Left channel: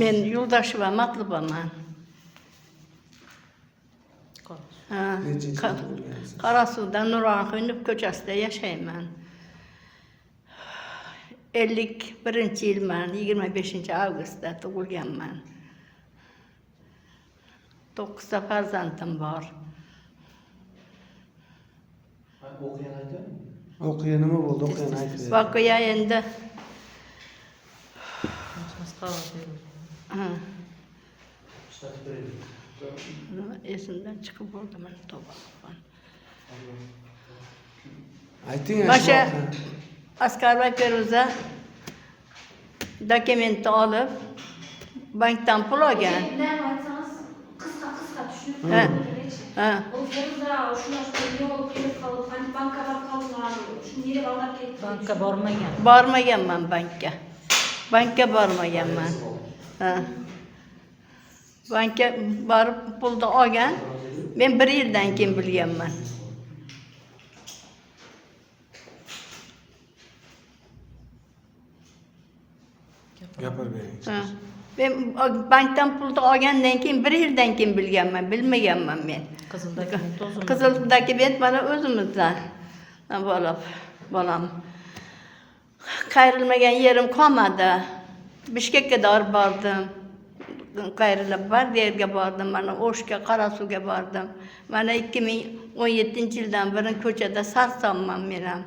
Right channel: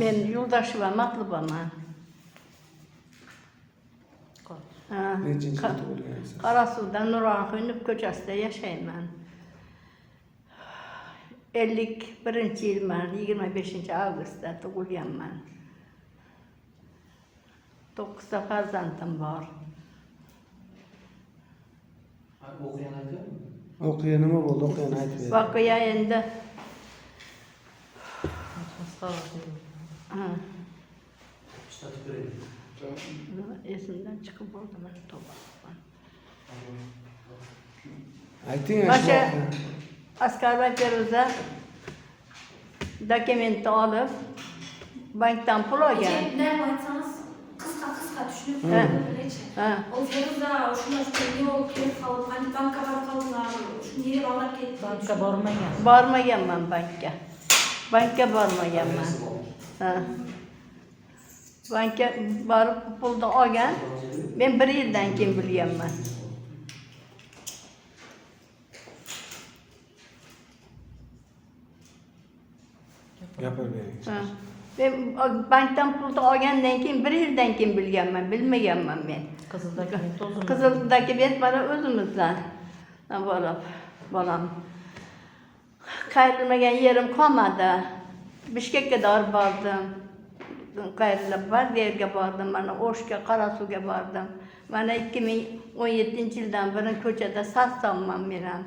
Men Yoldaşova Matlıbaman. Qarasu'da Nurhan Hünüp köçesinde yaşayman. 51 yılman, 25 Ağustos'ta doğulganman. 9 farzandım var. Okuyan mı oldu? Okuyan aytdı. Vakıya endi. Esimden çıkıp oldum. Aytın Başa askerlik Feruza dokumenti alıp banktan pul algan. Ne varsanız kıska düşünüp Ha. Ha. O Feruza şuna yol kelip kalıp hani banka var kaldılar. Şunu yere alıp gelip Banka bormagan. Barmaganman bankka. Bankka barmaganman. Ha. Bankka barıp pulni olgan. Men 1 yildan keyin bilganman. Yapar be. Ha. Ben bankdan pulni olgandan keyin 1 yildan keyin bilganman, bilmaganman men. Qizil dokument o'zim. Qizil dokument mana o'zimizdan. Bolam. Qayrilmagan yerim qolmadi. Bishkekka bordim. Qayrilib Bardiyevga bordim, mana O'shga, Qarasuga bordim. Mana 2017-yildan beri ko'chada sarsonman men ham.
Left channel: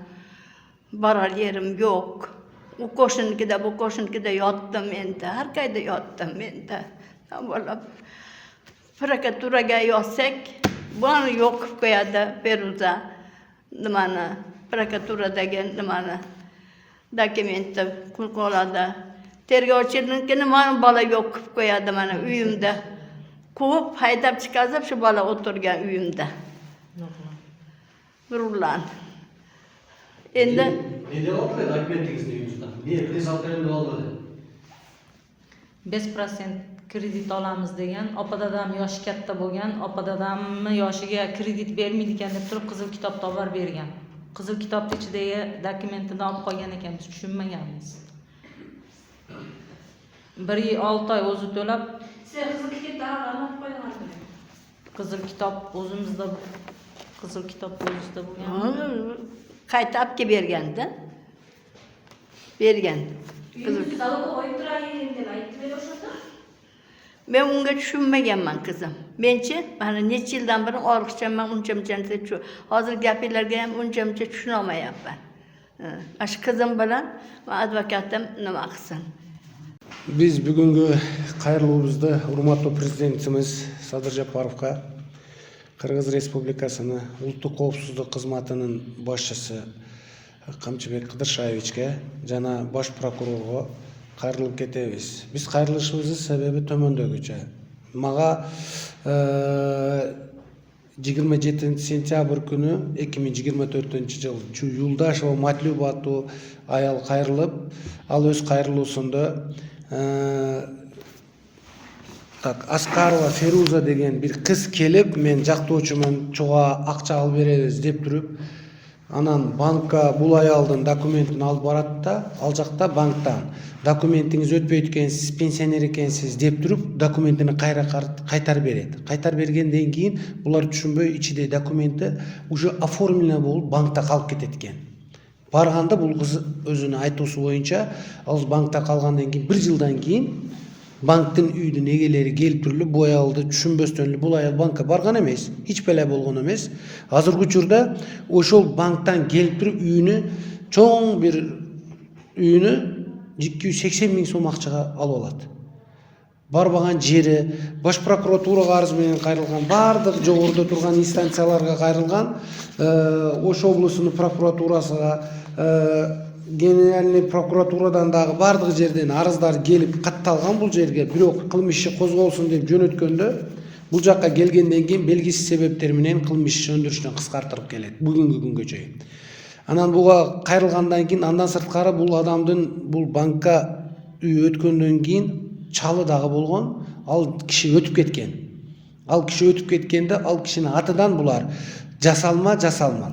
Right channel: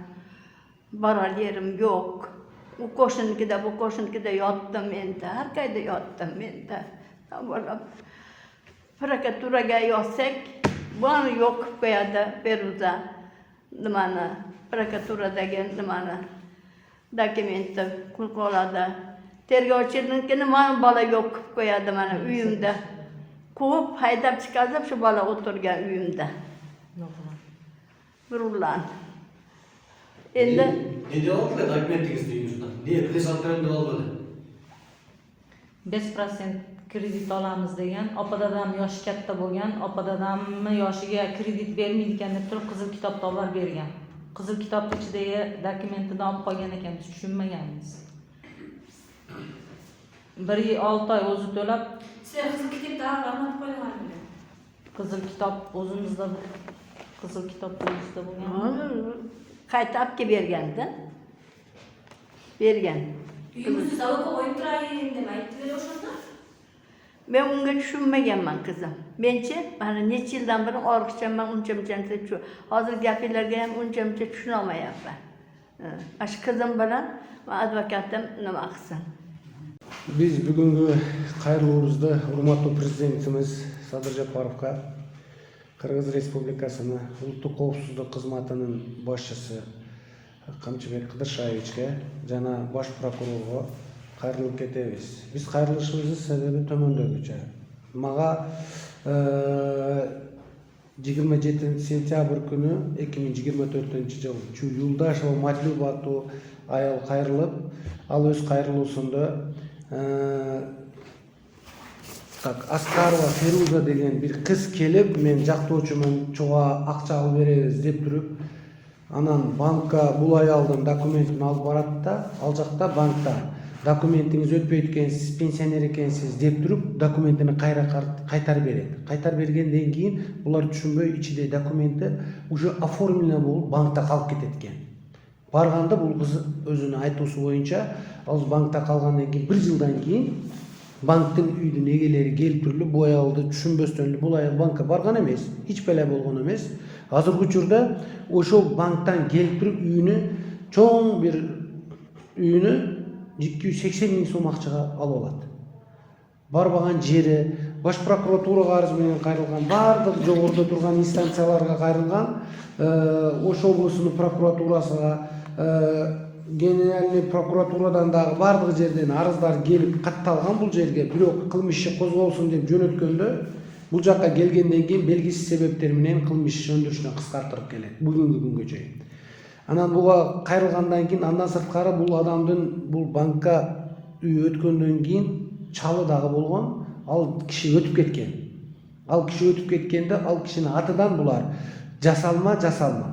Borar yerim yo'q. U qo'shninikida, bu qo'shninikida yotdim endi. Har qayda yotdim endi. Bolam. Prokuraturaga yozsak, buni yo'q qilib qo'yadi Feruza. Nimani? Prokuraturadagi nimani? Dokumentni qoladi. Tergovchinikini mana bola yo'q qilib qo'yadi mana uyimda. Quvib, haydab chiqazib shu bola o'tirgan uyimda. Nurlan. Endi Neden oldu da dokumentingizni yüzünden? Niye? Kriz haklarında olmadı. 5% kredit olamiz degan, opa-dadam yoshi katta bo'lgan, opa-dadamni yoshiga kredit bermaydi ekan deb turib qizil kitobni olib bergan. Qizil kitobning ichidagi dokumentini olib qolgan ekan, biz tushunmaganmiz. 1-6 oy o'zi to'lab, Sizler kızıl kitap daha anlatıp koyuyorlar. qizil kitob o'zimizda bo'lgan. qayta olib berganda. Bergan. Yüzünüz alıp koyup durayım demeyi. Böyle hoşunda. Men unga tushunmaganman qizim. Menchi mana necha yildan beri orqichaman, uncha-muncha shu. Hozir gapinglarga ham uncha-muncha tushuna olmayapman. Shu qizim bilan advokatim nima qilsin? Biz bugungi qayriluvimizda hurmatli prezidentimiz Sadir Japarovga, Qirg'iz Respublikasini Ultuk qovusuzlik xizmatining boshchisi Qamchibek Qidirshayevichga jana bosh prokurorga qayrilib ketamiz. Biz qayrilishimizning sababi tomondagicha. Maga 27 sentyabr kuni 2024-yil shu Yo'ldashova Matlyubatu ayol qayrilib, al o'z qayriluvsida Askarova Feruza degan bir qiz kelib, men jaqtovchiman, cho'g'a aqcha olib beramiz deb turib, anan bankka bul ayoldan dokumentini olib boradi-da, al jaqda bankdan dokumentingiz o'tpaydi ekan, siz pensioner ekansiz deb turib, dokumentini qaytarib beradi. Qaytarib bergandan keyin bular tushunmay ichida dokumenti уже оформлено bo'lib bankda qolib ketadi ekan. Barganda bu qiz o'zini aytusi bo'yicha, hozir bankda qolgandan keyin 1 yildan keyin bankdan uyning egalari kelib turib, bu ayolni tushunbosdan bu ayol bankka borgan emas, hech bala bo'lgan emas. Hozirgi uchurda o'sha bankdan kelib turib uyini cho'ng bir uyini 280 ming so'm aqchaga olib oladi. Barbagan jeri bosh prokuratura qarz bilan qayrilgan, bardıq jo'g'irda turgan instansiyalarga qayrilgan, o'sha oblastning prokuraturasiga, Generalniy prokuraturadan dagı bardıq жерден arızlar kelib qattalgan bu жерге, biroq qilmish ishi qo'zg'alsin deb jo'natganda, bu joqqa kelgandan keyin belgisiz sebepler bilan qilmish ish söndürishni qisqartirib keladi bugungi kungacha. Anan buga qayrilgandan keyin andan sirtqari bu adamdın bu bankka uy o'tgandan keyin chalı dagı bo'lgan, al kishi o'tib ketgan. Al kishi o'tib ketganda al kishining atidan bular жасалма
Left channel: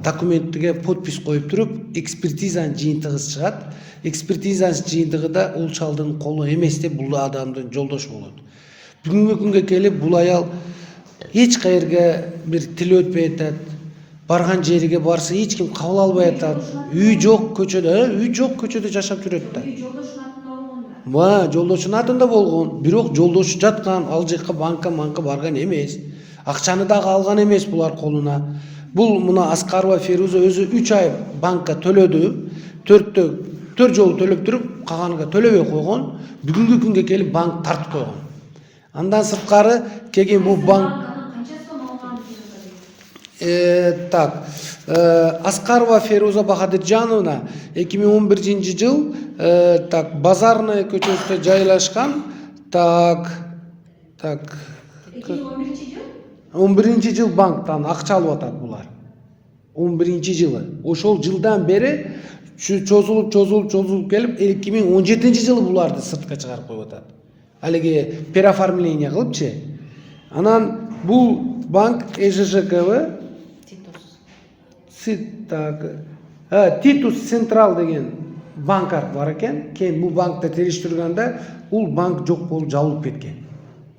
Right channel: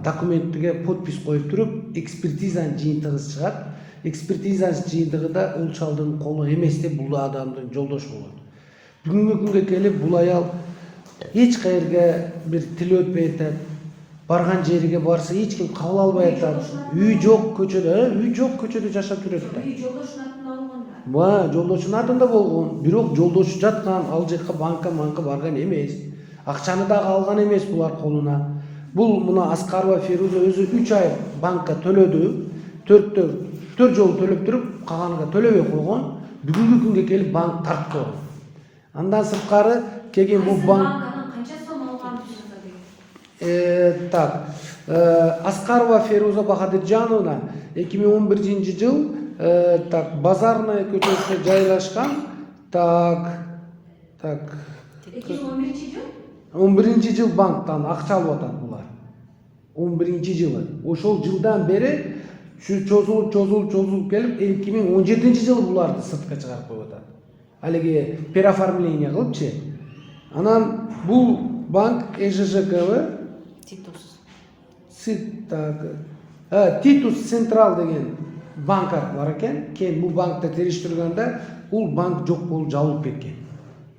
документке подпись коюп туруп экспертизанын жыйынтыгы чыгат. Экспертизанын жыйынтыгы да ул чалдын колу эмес деп бул адамдын жолдошу болот. Бүгүнкү күнгө келип бул аял эч кайерге бир тил өтпөй атат. Барган жерге барса эч ким кабыл албай атат. Үй жок көчөдө жашап жүрөт да. Үй жолдошунун атында болгонда. Жолдошунун атында болгон, бирок жолдошу жаткан, ал жакка банка барган эмес. Акчаны дагы алган эмес булар колуна. Бул мына Аскарова Феруза өзү 3 ай банкка төлөдү. 4 жолу төлөп туруп, калганыга төлөбөй койгон. Бүгүнкү күнгө келип банк тартып койгон. Андан сырткары келген бул банк Канча сом алганын билет. Так, Аскарова Феруза Бахадыржановна 2011 жыл так Базарная көчөсүндө жайлашкан. Так 2011 жыл? 11 жыл банктан акча алып атат булар. 11 жылы. Ошол жылдан бери чозулуп келип 2017 жылы буларды сыртка чыгарып коюп атат. Алиги переоформление кылыпчы. Анан бул банк ЭЖЖКБ Титус Централ деген банк бар экен. Кейін бул банкты териштиргенде ул банк жок болуп жабылып кеткен.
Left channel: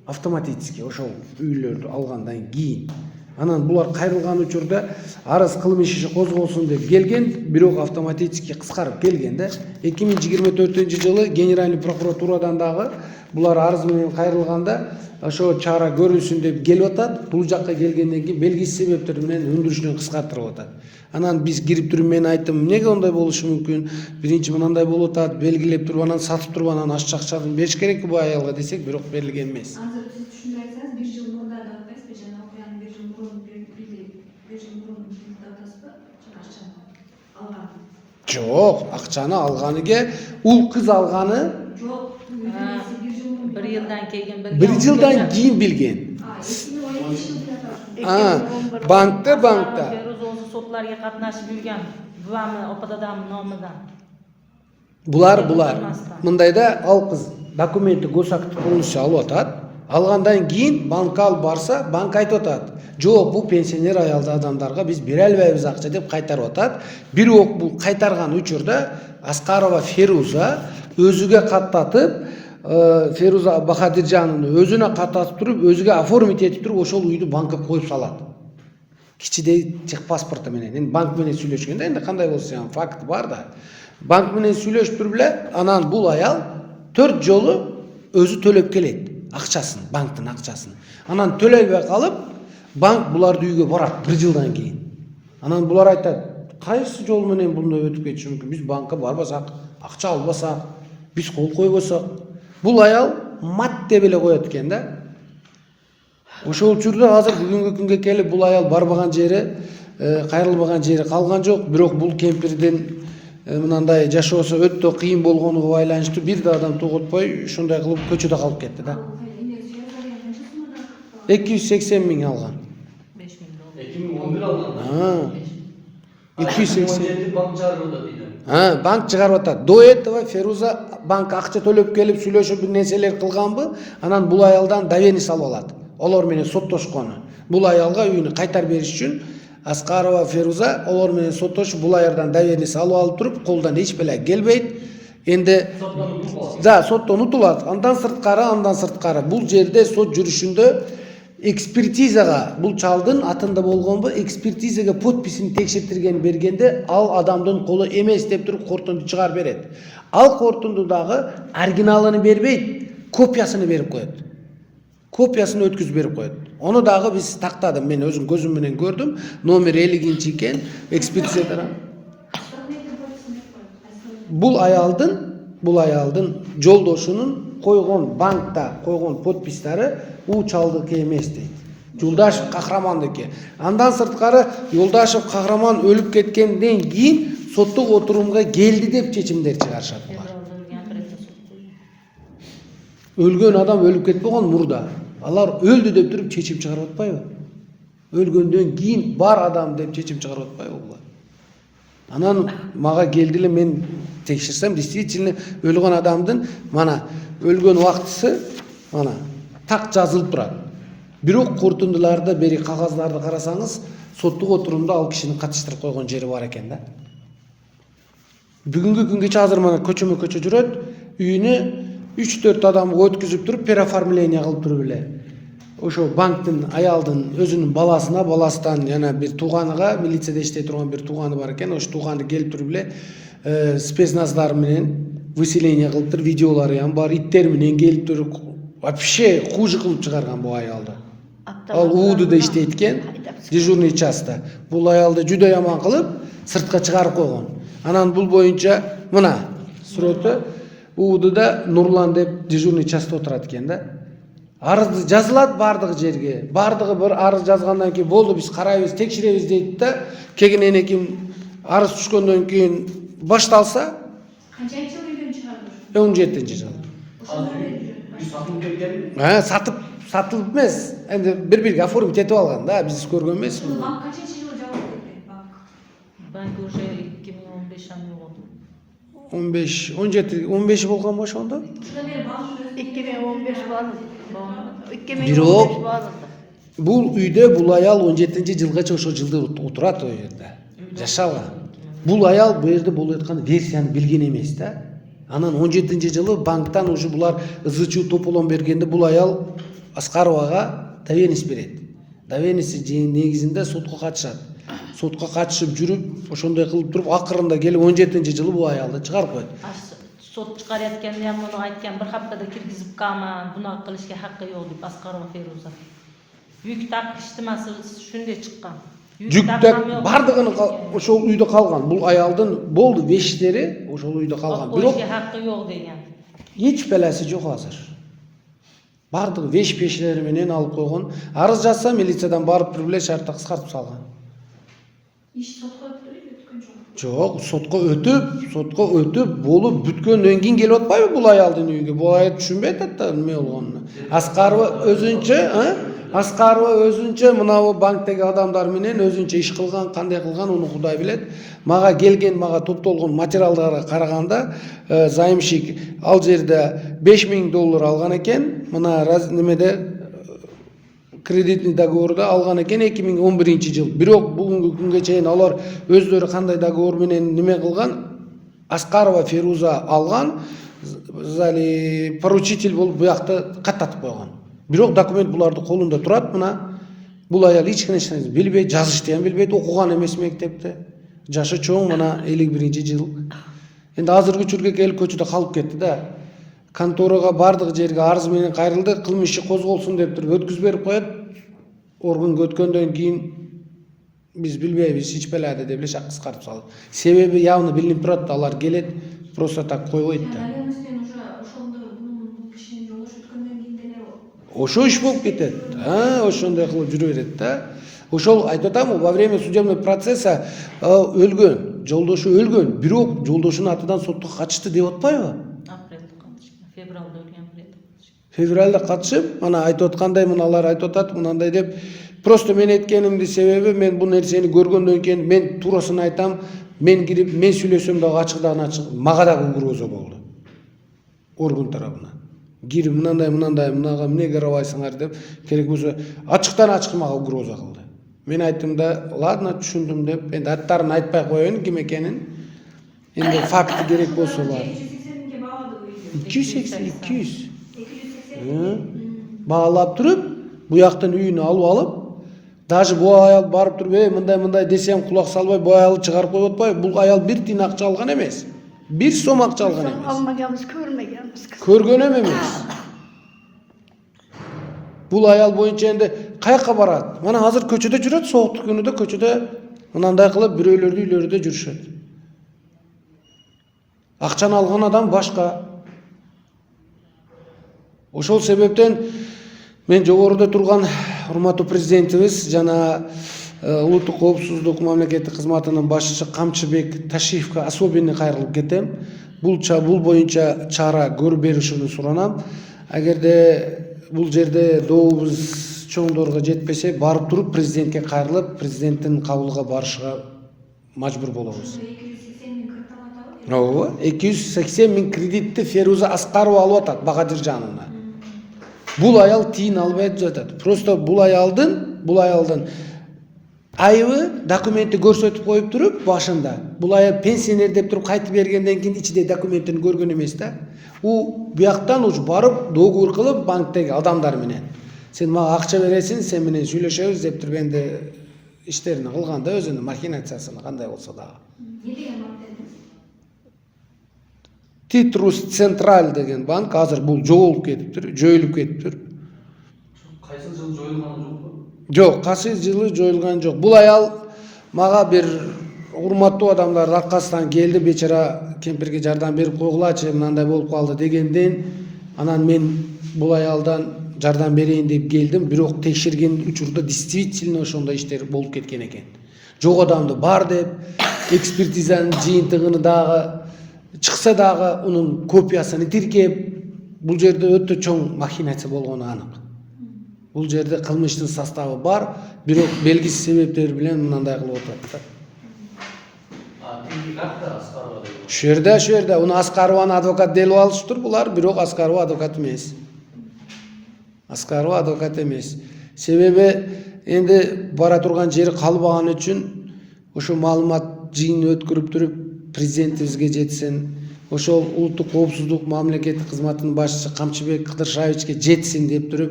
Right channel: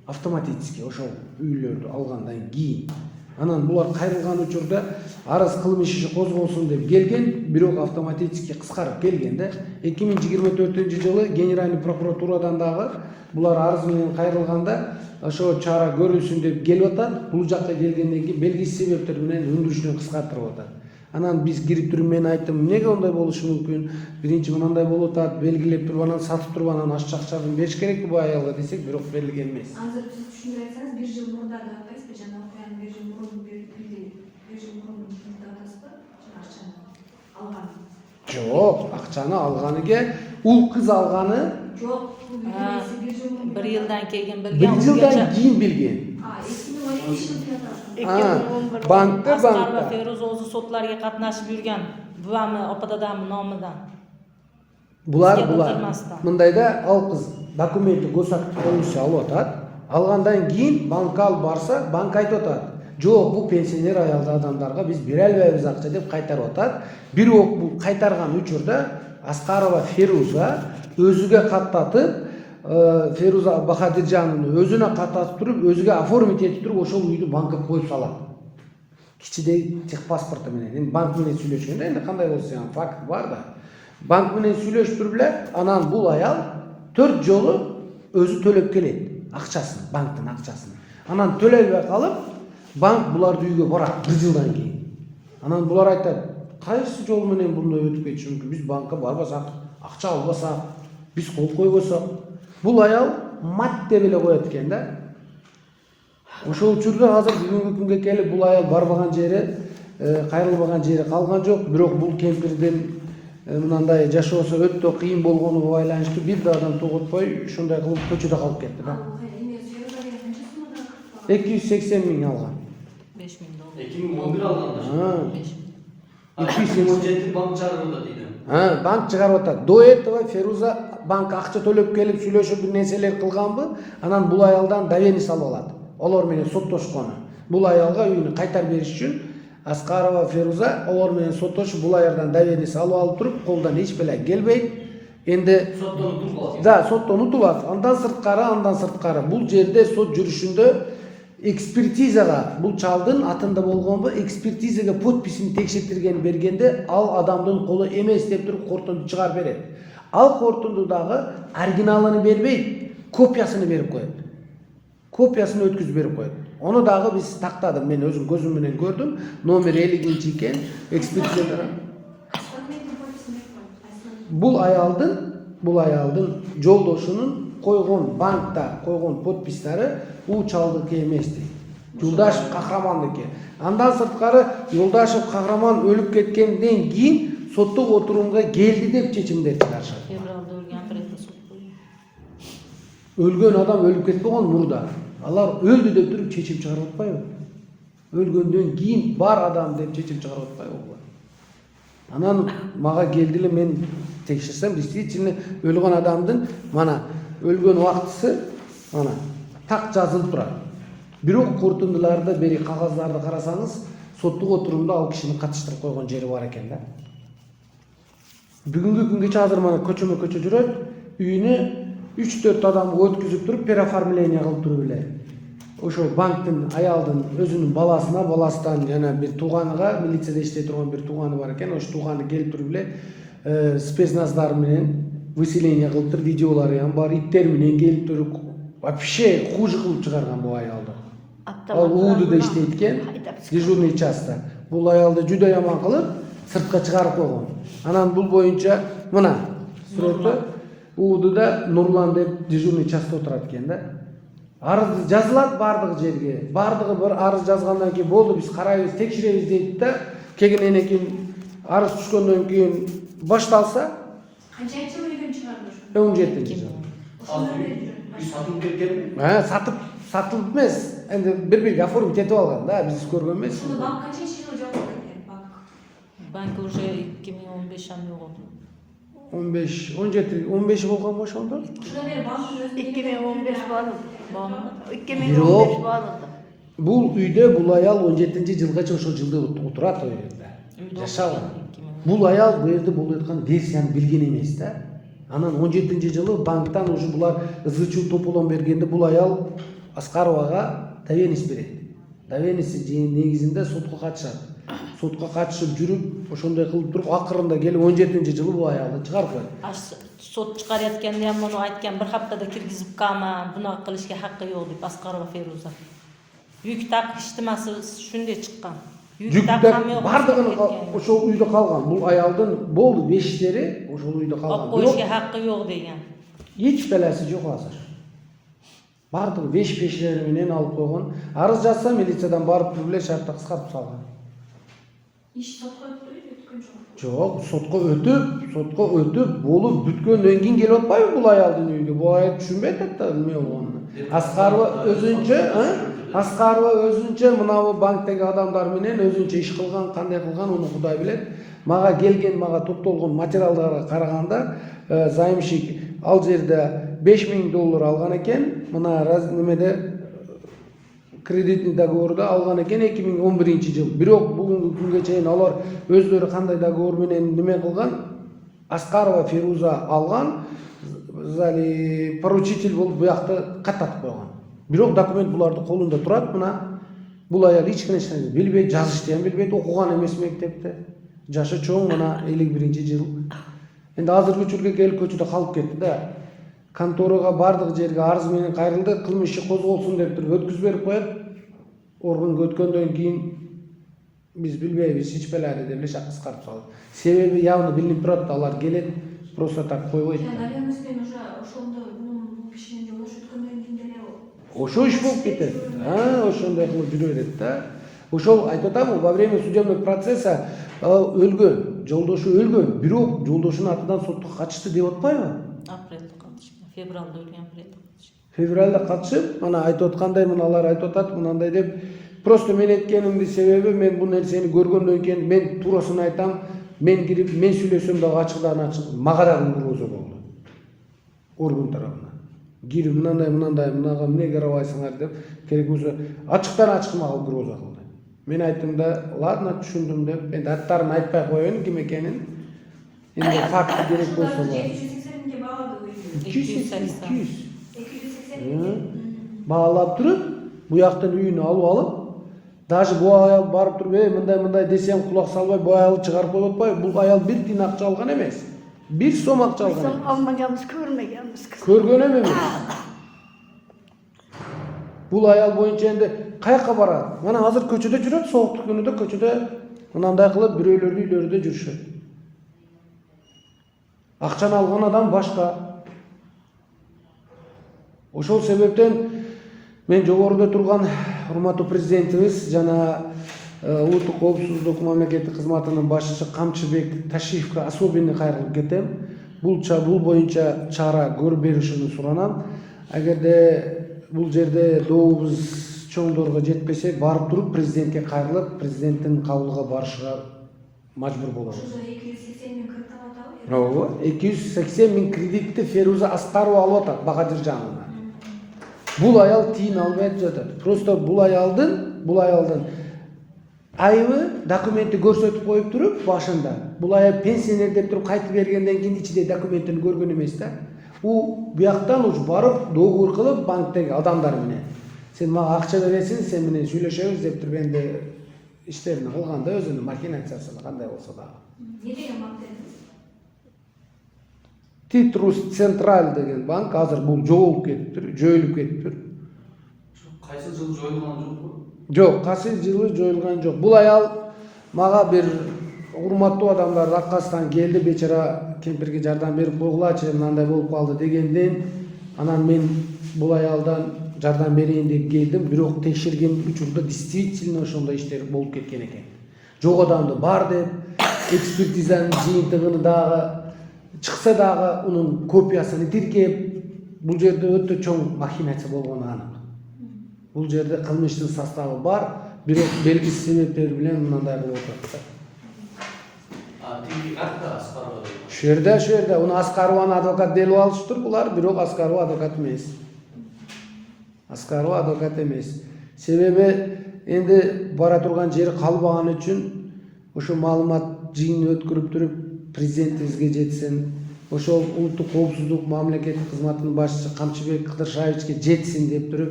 Автоматически ошол үйлөрдү алгандан кийин. Анан булар кайрылган учурда арыз кылмыш иши козголсун деп келген, бирок автоматически кыскарып келгенде 2024 жылы Генеральный прокуратурадан дагы булар арыз менен кайрылганда ошо чара көрүлсүн деп келип атат. Бул жакка келгенден кийин белгисиз себептер менен өндүрүшүнөн кыскартырып атат. Анан биз кирип туруп мен айттым, эмнеге ондай болушу мүмкүн? Биринчи мынандай болуп атат, белгилеп туруп анан сатып туруп анан ашча акчаны бериш керекпи бу аялга десек, бирок берилген эмес. Азыр сиз түшүндүрө айтсаңыз, 1 жыл мурда да атпайсызбы? Жана окуянын 1 жыл мурун атасызбы? Жана акчаны алган. Жок, акчаны алганыга ул кыз алганы Жок, бул билгенси 1 жыл мурун. 1 жылдан келген 1 жылдан кийин билген. 2017 жылы Банкта Феруза өзү сотларга катнашып жүргөн. Буамы опададамы номудан. Булар мындайда ал кыз документи госактив болушу алып атат. Алгандан кийин банкка алып барса, банк айтып атат: "Жок, бул пенсионер аялды адамдарга биз бере албайбыз акча" деп кайтарып атат. Бирок бул кайтарган учурда Аскарова Феруза өзүгө каттатып, Феруза Бахадыржановну өзүнө каттатып туруп, өзүгө оформить этип туруп, ошол үйдү банкка коюп салат. Кичидей техпаспорту менен. Эми банк менен сүйлөшкөндө энди кандай болсо факт бар да. Банк менен сүйлөшүп туруп эле, анан бул аял 4 жолу өзү төлөп келет акчасын, банктын акчасын. Анан төлөбөй калып, банк буларды үйгө барат 1 жылдан кийин. Анан булар айтат: "Кайсы жол менен мындай өтүп кетиши мүмкүн? Биз банкка барбасак, акча албасак, биз кол койбосок". Бул аял мат деп эле коет экен да. Ошол учурда азыр бүгүнкү күнгө келип бул аял барбаган жери, кайрылбаган жери калган жок. Бирок бул кемпирдин мындай жашоосу өтө кыйын болгонуга байланыштуу бир да адам тоготпой ушундай кылып көчөдө калып кетти да. 280 миң алган. 5 миң доллар. 2011 алганда. 280 банк чыгарып атат дейди. Банк чыгарып атат. До этого Феруза банк акча төлөп келип сүйлөшүп бир нерселер кылганбы? Анан бул аялдан давление салып алат. Олар менен соттошкону. Бул аялга үйүнү кайтарып бериш үчүн Аскарова Феруза олар менен соттошуп бул аялдан давление салып алып туруп, колдон эч беле келбейт. Энди соттон утулат. Андан сырткары бул жерде сот жүрүшүндө экспертизага бул чалдын атында болгонбу, экспертизага подписин текшертирген бергенде ал адамдын колу эмес деп туруп кортунду чыгарып берет. Ал кортунду дагы оригиналын бербейт, копиясын берип коет. Копиясын өткүзүп берип коет. Ону дагы биз тактадым, мен өзүм көзүм менен көрдүм. Номер 50 экен, экспертизада. Бул аялдын жолдошунун койгон банкта койгон подпистары у чалдыкі эмес дейт. Юлдашев Кахрамандыкі. Андан сырткары Юлдашев Кахраман өлүп кеткенден кийин соттук отурумга келди деп чечимдер чыгарышат. Өлгөн адам өлүп кетпеген мурда. Алар өлдү деп туруп чечим чыгарып атпайбы? Өлгөндөн кийин бар адам деп чечим чыгарып атпайбы булар? Анан мага келди эле, мен текшерсем, действительно өлгөн адамдын мана өлгөн убактысы мана так жазылып турат. Бирок корутундуларда бери кагаздарды карасаңыз, соттук отурумда ал кишини катыштырып койгон жери бар экен да. Бүгүнгү күнгөчө азыр мана көчөмө көчө жүрөт, үйүнө 3-4 адамга өткүзүп туруп переоформление кылып туруп эле. Ошо банктын аялдын өзүнүн баласына, баласынан жана бир тууганыга, милицияда иштей турган бир тууганы бар экен, ошо тууганы келип туруп эле спецназдар менен выселение кылып туруп, видеолору ham бар, иттер менен келип туруп, вообще хуже кылып чыгарган бул аялды. Ал УУДда иштейт экен, дежурный частта. Бул аялды жүдө яман кылып, сыртка чыгарып койгон. Анан бул боюнча мына сүрөтү УУДда Нурлан деп дежурный частта отурат экен да. Арыз жазылат бардыгы жерге. Бардыгы бір арыз жазгандан кийин болду, биз карайбыз, текшеребиз дейт да. Кегенен кийин арыз түшкөндөн кийин башталса, Qancha jil uydan chiqardi? 17-жыл. O'shanda berdi. Biz satılıp ketken Satılıp эмес. Эми бир-бирге оформить этип алган да, биз көргөн эмеспиз. Uni bank qancha yil javob bergan? Bank. Bank уже 2015 ham yo'q oldu. 15 болгон ошондо. Shundan beri bankning o'zida 2015 bağlı. 2015 Бирок bağlı. бул үйдө бул аял 17-жылгача ошол жылда отурат, о жерде. Жашаган. Бул аял бу жерде болуп аткан версияны билген эмес да. Анан 17-жылы банктан уже булар ызычуу тополон бергенде бул аял Аскаровага довенность берет. Довенности негизинде сотко катышат. Сотко катышып жүрүп, ошондой кылып туруп, акырында келип 17-жылы бул аялды чыгарып коет. Sot chiqarayotganda ham buni aytgan, bir haftada kirgizib qolma, bunaqa qilishga haqqi yo'q deb Asqarova Feruza. Yuk taqishtimasi shunday chiqqan. Жүктөк бардыгын ошол үйдө калган. Бул аялдын болду вештери ошол үйдө калган. Бирок qo'yishga haqqi yo'q degan. Эч белеси жок азыр. Бардыгы веш-пешлери менен алып койгон. Арыз жазса милициядан барып туруп эле шартты кыскартып салган. ish sotga o'tkun jo'q. Жок, сотко өтүп, болуп бүткөндөн кийин келип атпайбы бул аялдын үйгө? Бул аял түшүнбөйт да эмне болгонун. Аскарова өзүнчө мына банктеги адамдар менен өзүнчө иш кылган, кандай кылган, уну Кудай билет. Мага келген, мага топтолгон материалдарга караганда, займщик ал жерде $5000 алган экен. Мына немеде кредитный договорда алган экен 2011-жыл. Бирок бүгүнкү күнгө чейин алар өздөрү кандай договор менен неме кылган? Аскарова Феруза алган, зали поручитель болуп буякты каттатып койгон. Бирок документ буларды колунда турат, мына бул аял эч нерсени билбейт, жазышты ham билбейт, окуган эмес мектепте. Жашы чоң, мына 51-жыл. Энди азыркы учурга келип көчөдө калып кетти да. Конторага бардык жерге арыз менен кайрылды, кылмыш иши козголсун деп туруп өткүзүп берип коет. Органга өткөндөн кийин биз билбейбиз, эч беледи деп эле шак кыскартып салды. Себеби явно билинип турат, алар келет, просто так койбойт да. Наверное, уже ошондо бул кишинин жолдошу өткөндөн кийин деле Ошо иш болуп кетет. Ошондой кылып жүрө берет да. Ошол айтып атам, во время судебного процесса өлгөн, жолдошу өлгөн, бирок жолдошунун атынан сотко катышты деп атпайбы? Апрелде катышкан, февралда өлгөн, апрелде катышкан. Февралда катышып, мана айтып аткандай, мыналар айтып атат, мынандай деп, просто мен эткенимдин себеби мен бул нерсени көргөндөн кийин мен туурасын айтам, мен кирип, мен сүйлөсөм дагы ачыкдан ачык, мага дагы угроза болду. Орган тарабынан. Кирип мындай, мынага эмне карабайсыңар деп, керек болсо ачыктан ачык мага угроза кылды. Мен айттым да, ладно, түшүндүм деп, энди аттарын айтпай коеюн ким экенин. Энди факт керек болсо бар. 780 баалады үйдү. 280. 280. Баалап туруп, буяктан үйүнө алып, даже бу аял барып туруп, мындай десем кулак салбай, бу аялды чыгарып коюп атпайбы? Бул аял бир тиын акча алган эмес. 1 сом акча алган эмес. Almagamız, görmegemiz kız. Көргөн эмес. Бул аял боюнча энди каяка барат? Мана азыр көчөдө жүрөт, сооктук күнүдө көчөдө мынандай кылып бирөөлөрдүн үйлөрүндө жүрүшөт. Акчаны алган адам башка. Ошол себептен мен жогоруда турган урматтуу президентибиз жана улуттук коопсуздук мамлекеттик кызматынын башчысы Камчыбек Ташиевке особенно кайрылып кетем. Бул боюнча чара көрүп беришини суранам. Эгерде бул жерде добубуз чоңдорго жетпесе, барып туруп президентке кайрылып, президенттин кабылга барышка мажбур болобуз. 280 000 кредит алып атабы? 280 000 кредитти Феруза Аскарова алып атат Багадыр жанына. Бул аял тиын албай жатат. Просто бул аялдын айыбы документти көрсөтүп коюп туруп башында. Бул аял пенсионер деп туруп кайтып бергенден кийин ичиде документин көргөн эмес да. У бияктан уж барып договор кылып банктеги адамдар менен. Сен мага акча бересиң, сен менен сүйлөшөбүз деп туруп энди иштерин кылганда өзүнүн махинациясын кандай болсо дагы. Не деген банк дедіңіз? Titrus Central деген банк азыр бул жоголуп кетиптир, жойулуп кетиптир. Кайсы жыл жойылган жок му? Жок, кайсы жылы жоюлган жок. Бул аял мага бир урматтуу адамдардын аркасынан келди, бечара кемпирге жардам берип койгулачы, мындай болуп калды дегенден, анан мен бул аялдан жардам берейин деп келдим, бирок текшерген учурда действительно ошондой иштер болуп кеткен экен. Жок адамды бар деп, экспертизанын жыйынтыгын дагы чыкса дагы унун копиясын тиркеп, бул жерде өтө чоң махинация болгону анык. Бул жерде кылмыштын составы бар, бирок белгисиз себептер менен мындай кылып атат. Тинки карта Аскарова. Шу жерде уну Аскарованы адвокат делип алыштыр булар, бирок Аскарова адвокат эмес. Аскарова адвокат эмес. Себеби энди бара турган жери калбаган үчүн ошо маалымат жыйынын өткөрүп туруп президентибизге жетсин, ошол улуттук коопсуздук мамлекеттик кызматынын башчысы Камчыбек Кыдыршаевичке жетсин деп туруп,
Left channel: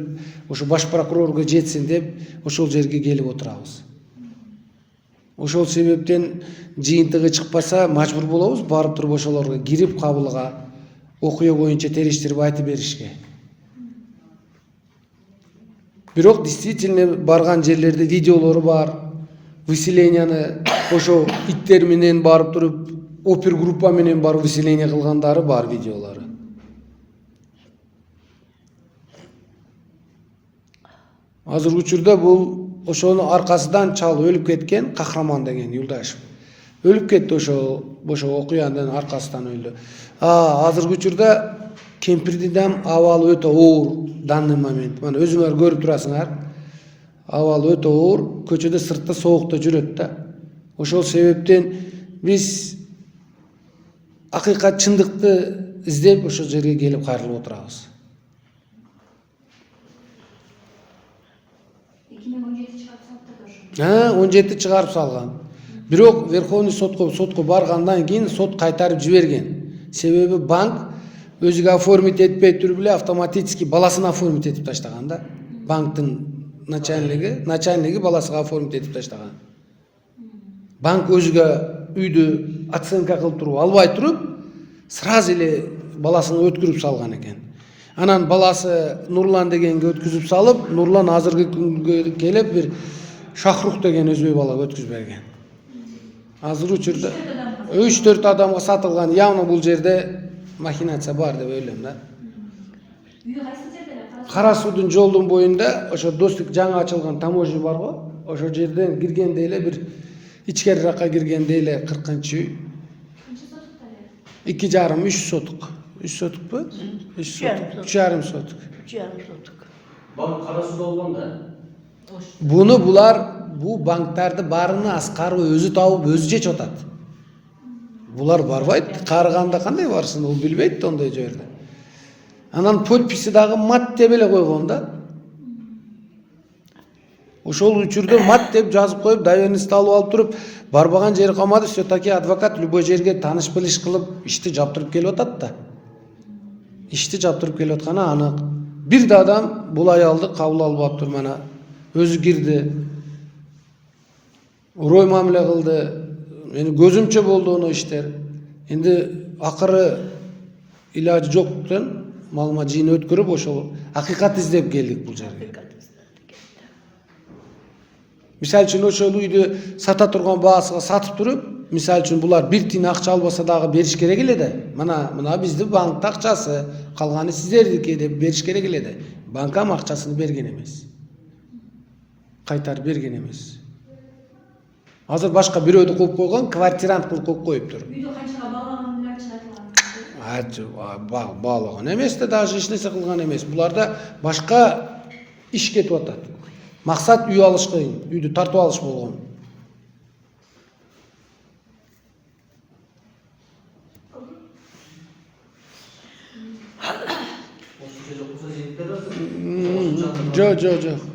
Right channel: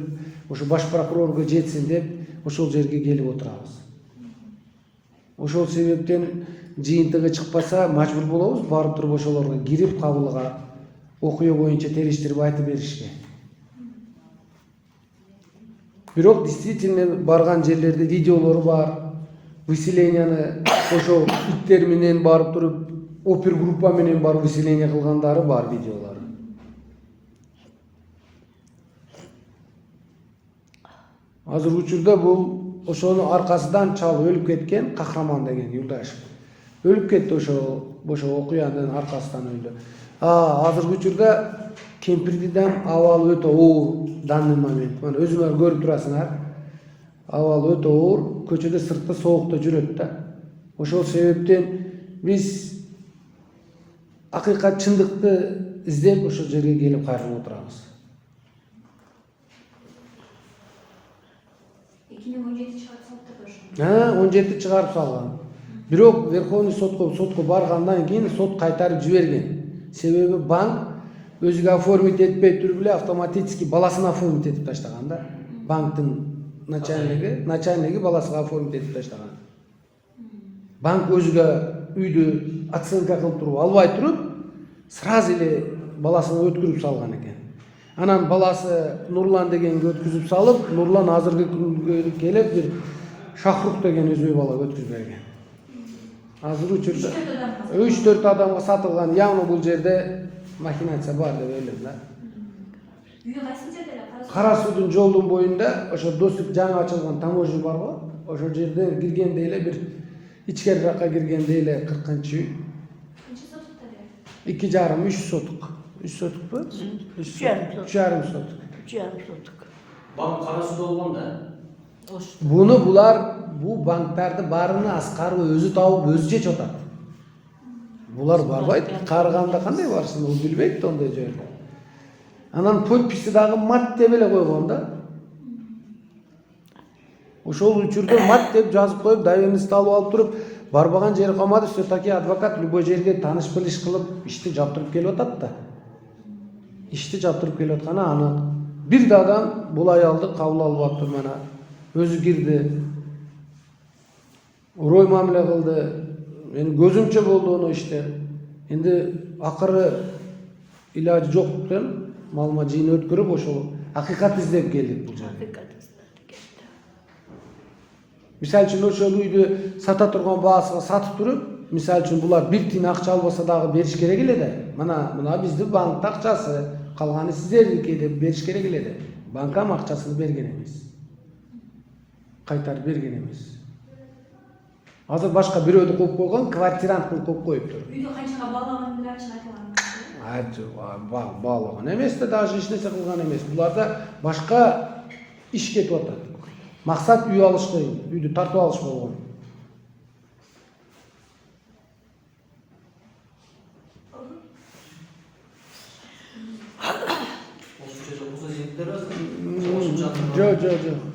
ошо баш прокурорго жетсин деп ошол жерге келип отурабыз. Ошол себептен жыйынтыгы чыкпаса мажбур болобуз барып туруп ошолорго кирип кабылга окуя боюнча териштирип айтып беришке. Бирок действительно барган жерлерде видеолору бар. Выселенияны ошо иттер менен барып туруп опергруппа менен барып выселение кылгандары бар видеолору. Азыр учурда бул ошонун аркасынан чал өлүп кеткен Кахраман деген Юлдашев. Өлүп кетти ошо окуянын аркасынан өлдү. Азыркы учурда кемпирдин дам абалы өтө оор данный момент. Мына өзүңөр көрүп турасыңар. Абалы өтө оор, көчөдө сыртта соокто жүрөт да. Ошол себептен биз акыйкат чындыкты издеп ошол жерге келип кайрылып отурабыз. 2017 чыгарып салыптыр ошо. 17 чыгарып салган. Бирок Верховный сотко баргандан кийин сот кайтарып жиберген. Себеби банк өзүгө оформить этпей туруп эле автоматически баласына оформить этип таштаган да. Банктын начальниги баласына оформить этип таштаган. Банк өзүгө үйдү оценка кылып туруп албай туруп, сразу эле баласына өткөрүп салган экен. Анан баласы Нурлан дегенге өткүзүп салып, Нурлан азыркы күнгө келип бир Шахрух деген өзбек бала өткүзүп берген. Азыр учурда 3-4 адамга сатылган, явно бул жерде махинация бар деп ойлойм да. Үйү кайсы жерде эле? Кара суудун жолдун боюнда ошо достук жаңы ачылган таможня бар го, ошол жерден киргенде эле бир ичкериракка киргенде эле 40-чы үй. Канча сотукта эле? 2,5-3 сотук. 3 сотук бу? 3 сотук. 3,5 сотук. Банк кара сууда болгон да. Буну бул банктарды баарына Аскарова өзү табып, өзү чечип атат. Булар барбайт, карыганда кандай барсын, ол билбейт ондой жерде. Анан подписи дагы мат деп эле койгон да. Ошол учурда мат деп жазып коюп, доверенность алып алып туруп, барбаган жери калмады, все-таки адвокат любой жерге таныш билиш кылып ишти жаптырып келип атат да. Ишти жаптырып келип атканы анык. Бир да адам бул аялды кабыл алып атып мана өзү кирди. Урой мамиле кылды. Мени көзүмчө болду оно иштер. Энди акыры илажы жоктон маалымат жыйын өткөрүп ошол акыйкат издеп келдик бул жерге. Мисалы үчүн ошол үйдү сата турган баасына сатып туруп, мисалы үчүн булар бир тиын акча албаса дагы бериш керек эле да. Мына биздин банктын акчасы, калганы сиздердики деп бериш керек эле да. Банкам акчасын берген эмес. Кайтарып берген эмес. Азыр башка бирөөдү коюп койгон, квартирант кылып коюп коюптур. Үйдү канчага багаганын айтып айтылган. Баглаган эмес да, даже эч нерсе кылган эмес. Буларда башка иш кетип атат. Максат үй алыш кыйын, үйдү тартып алыш болгон. Ошо kreditler var. Jo'q.